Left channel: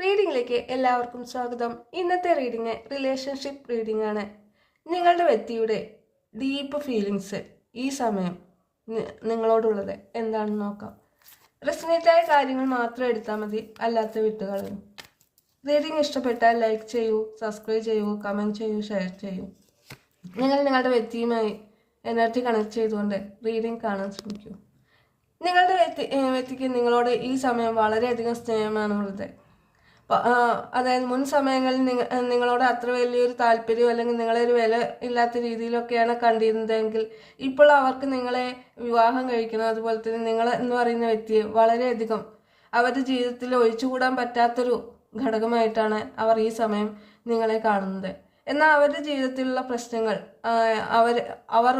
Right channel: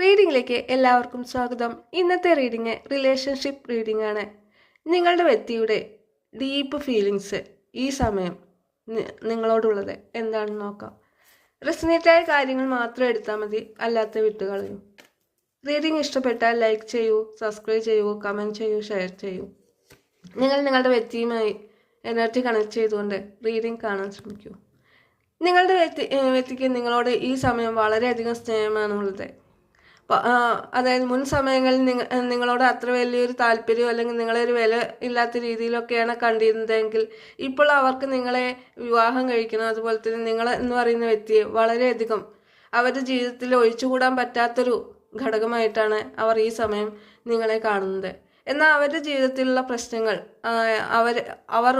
റീഡിങ്ങിലേക്ക് എല്ലാവർക്കും സ്വാഗതം. ഇന്നത്തെ റീഡിങ് റിലേഷൻഷിപ്പ് റീഡിംഗ് ആണ്. നിങ്ങളുടെ വ്യക്തിയുടെ ഡീപ്പ് ഫീലിങ്സ് ഈ സമയം നിങ്ങളോടുള്ളത് എന്താണെന്ന് നോക്കാം. റെസനേറ്റായ കാര്യങ്ങൾ മാത്രം എടുത്താൽ മതി, അല്ലാത്ത വിട്ടുകളയും. റീഡിംഗ് ഇഷ്ടപ്പെട്ടാൽ ലൈക്ക് ചെയ്യൂ, സബ്സ്ക്രൈബ് ചെയ്യൂ, കമൻറ്റ് ചെയ്യൂ, ഷെയർ ചെയ്യൂ. നിങ്ങൾ നിങ്ങളുടെ വ്യക്തിയുമായി എനർജി കണക്ട് ചെയ്തുകൊണ്ട് റീഡിംഗ് കാണാൻ ശ്രമിക്കൂ. നിങ്ങളുടെ വ്യക്തിക്ക് നിങ്ങളോട് ഈ സമയം വളരെയധികം സ്നേഹമാണുള്ളത്. അതായത് മുൻ സമയങ്ങളിൽ നിങ്ങളോട് അത്ര വലിയൊരു താല്പര്യം അല്ലെങ്കിൽ നിങ്ങളെ ഒരു വില ഇല്ലാത്ത രീതിയിലൊക്കെയാണ് കണ്ടിരുന്നതെങ്കിൽ ഇപ്പോൾ അവർക്ക് നിങ്ങളെ വിവാഹം കഴിക്കണം. അതുപോലെ തന്നെ നിങ്ങൾ എന്ന് പറയുന്ന വ്യക്തിയെ വളരെയധികം അവരുടെ ജീവിതത്തിൽ ഒഴിച്ചുകൂടാൻ പറ്റാത്തൊരു ഘടകമായിട്ടാണ് അവർ ഈ സമയം നിങ്ങളെ കാണുന്നത്. എന്നാൽ അവരുടെ ജീവിതത്തിലുള്ള പ്രശ്നങ്ങൾ അവർ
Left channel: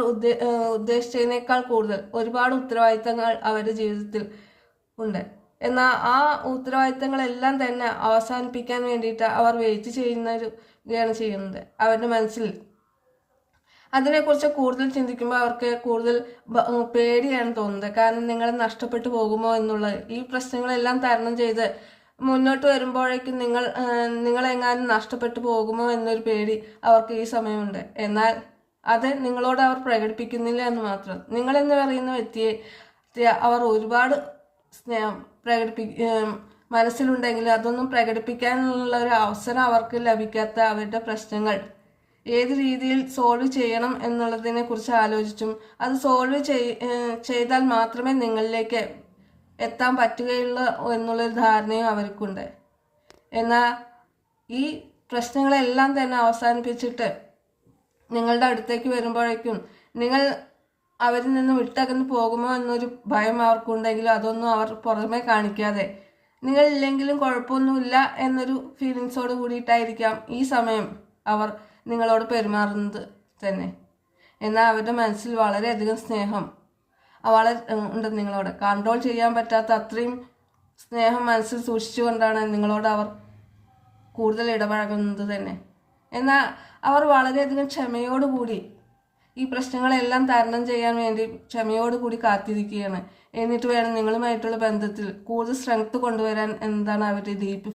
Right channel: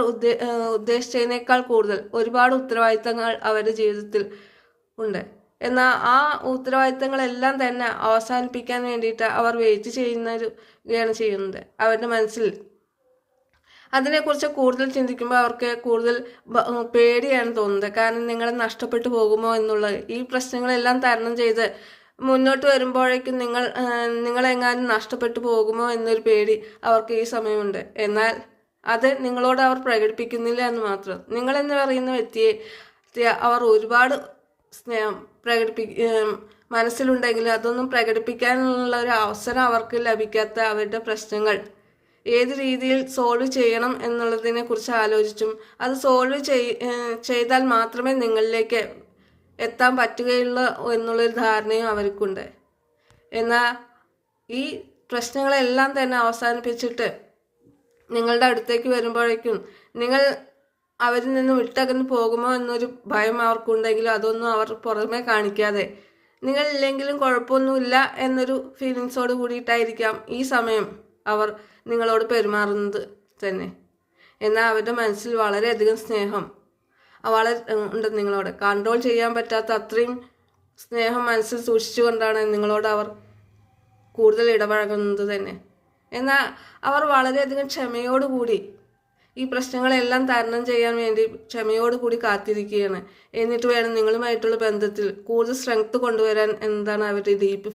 ഉദ്ദേശിച്ചതിനേക്കാൾ കൂടുതൽ ഒരുപാട് ഉത്തരവാദിത്തങ്ങൾ അവരുടെ ജീവിതത്തിൽ ഉണ്ട്. എന്നാൽ ആ ഉത്തരവാദിത്തങ്ങളെല്ലാം തന്നെ അവസാനിപ്പിക്കാൻ വേണ്ടിയിട്ട് അവർ വെയിറ്റ് ചെയ്യുകയാണ് ചെയ്യുന്നത്. അവരുടെ മനസ്സിൽ അതിനെക്കുറിച്ച് കൂടുതൽ ചിന്തിക്കുമ്പോൾ അവർക്ക് കൂടുതൽ പേടിയാണ് തോന്നുന്നത്. കാരണം നിങ്ങളെ നഷ്ടപ്പെട്ടു പോകുമോ എന്നുള്ളത്. ഈ പ്രശ്നങ്ങളെല്ലാം തരണം ചെയ്ത് മുന്നോട്ട് വരുമ്പോഴേക്കും നിങ്ങളെങ്ങാനും നഷ്ടപ്പെട്ടു പോകുമോ എന്നൊരു പേടി അവർക്ക് ഈ സമയമുണ്ട്. എന്നാൽ അത് നിങ്ങളോട് അവർ പ്രകടിപ്പിക്കുന്നില്ല എന്ന് മാത്രം. നിങ്ങളെന്ന് പറയുന്ന വ്യക്തിയെ അവർ ഒരുപാട് സ്നേഹം മനസ്സിലുണ്ടെങ്കിൽ അതൊന്നും പ്രകടിപ്പിക്കാനുള്ള ഒരു അവസരം അവർക്ക് ലഭിക്കാത്ത അവരുടെ പ്രശ്നങ്ങൾ ഏത് രീതിയിൽ സോൾവ് ചെയ്യണം എന്നുള്ളതിനെ കുറിച്ച് ആലോചിച്ചും അത് സോൾവ് ചെയ്താൽ മാത്രമേ നിങ്ങളിലേക്ക് എത്താൻ പറ്റുകയുള്ളൂ എന്നുള്ളൊരു ധാരണയും അവർക്കുണ്ട്. എന്നാൽ ഈ പ്രശ്നങ്ങളെല്ലാം തന്നെ അവസാനിപ്പിച്ചിട്ട് നിങ്ങളുടെ അടുത്തേക്ക് വരുമ്പോഴേക്കും നിങ്ങൾ അവരിൽ നിന്ന് വിട്ടകന്ന് പോകുമോ എന്നൊരു ഭയം അവർക്കുണ്ടെങ്കിലും അതൊന്നും അവർ പുറമെ കാണിക്കാതെ നിങ്ങളില്ലെങ്കിലും കുഴപ്പമൊന്നുമില്ല എന്നൊരു ഫീലിങ്സോട് കൂടിയിട്ടായിരിക്കാം ഈ സമയം അവർ നിങ്ങളോട് പെരുമാറുന്നത് തന്നെ. എന്നാൽ അവരുടെ മനസ്സിൽ വളരെയധികം സ്നേഹം ഉണ്ട് നിങ്ങളോട്. കൺട്രോൾ ചെയ്യാൻ പറ്റാത്ത അത്രയും സ്നേഹം മനസ്സിൽ സൂക്ഷിച്ചുകൊണ്ടാണ് നിങ്ങളോട് അവർ കൂടുതൽ ഇടപഴകുന്നത് തന്നെ. എന്നാൽ അവർ വളരെയധികം ക്ഷമയോടുകൂടി ഈ പ്രശ്നങ്ങളെല്ലാം തരണം ചെയ്യാൻ വേണ്ടി ക്ഷമയോടുകൂടി കാത്തിരിക്കുകയാണ്. എന്നിട്ട് വേണം നിങ്ങളുമായിട്ടുള്ള ബന്ധത്തിൽ കൂടുതൽ സ്ട്രെങ്ത് കൊണ്ടുവരാൻ എന്നതാണ് അവരുടെ ഡീപ്പ്